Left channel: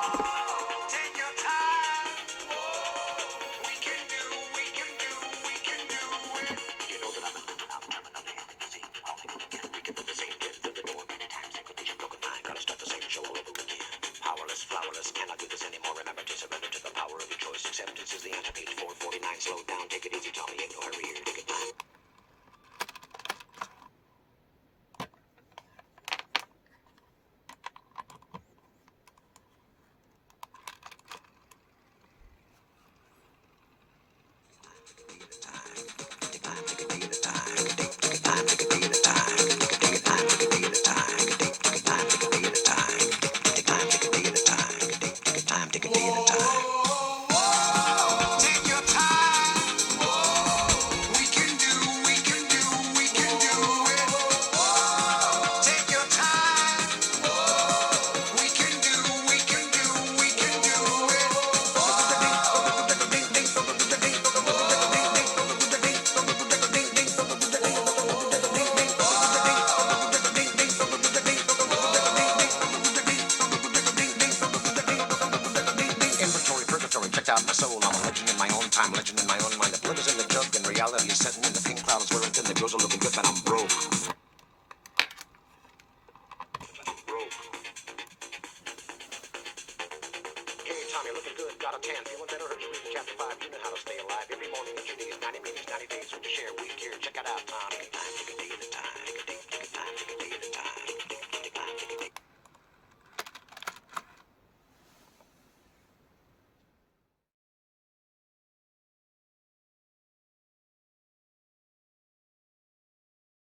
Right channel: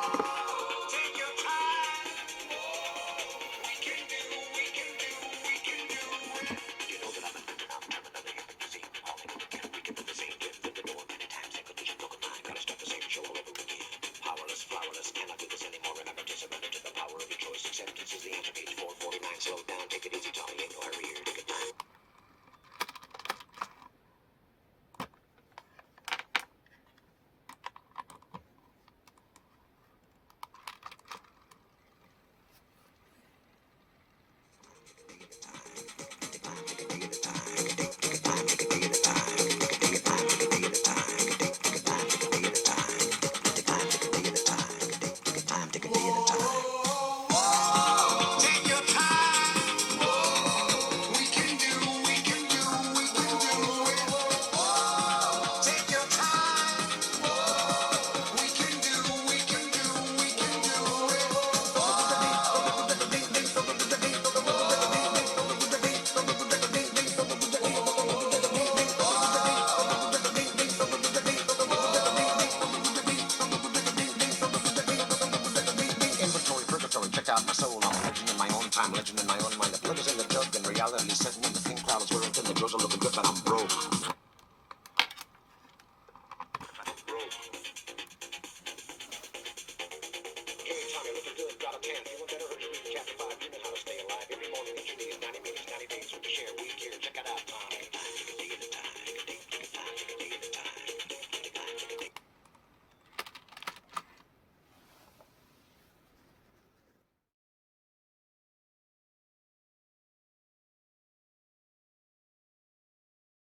Take your time. We can do, we can do, we can do it. You know that I've been living out terminally in the scene. All again, we can do the same thing. Through the door many times. Expectation broken mind. Gotta start the same show all over again. Powerless, flowerless, cannot do this anymore. Remember to surrender to the power of your choice. Acceptance is the answer. Page 449. Slow down, take it easy, Tommy. Ain't no hurry here. Take it time. Take your time. We can do, we can do, we can do it. Take your time. We can do, we can do, we can do it. Inventory, purgatory, checked out my soul. I'm a legend in my own time, legend in my own mind. The blood is in the jug and reality is setting in. The pink clouds wearing thin, the girls are looking good, but I'm broke. Broke. Hey, Tommy, looking good, got a tan, feeling better, heard you reading chapter 5, you know how to stay alive. Every morning that you need 90 minutes, 90 days with the share week here. Check it out, Tommy.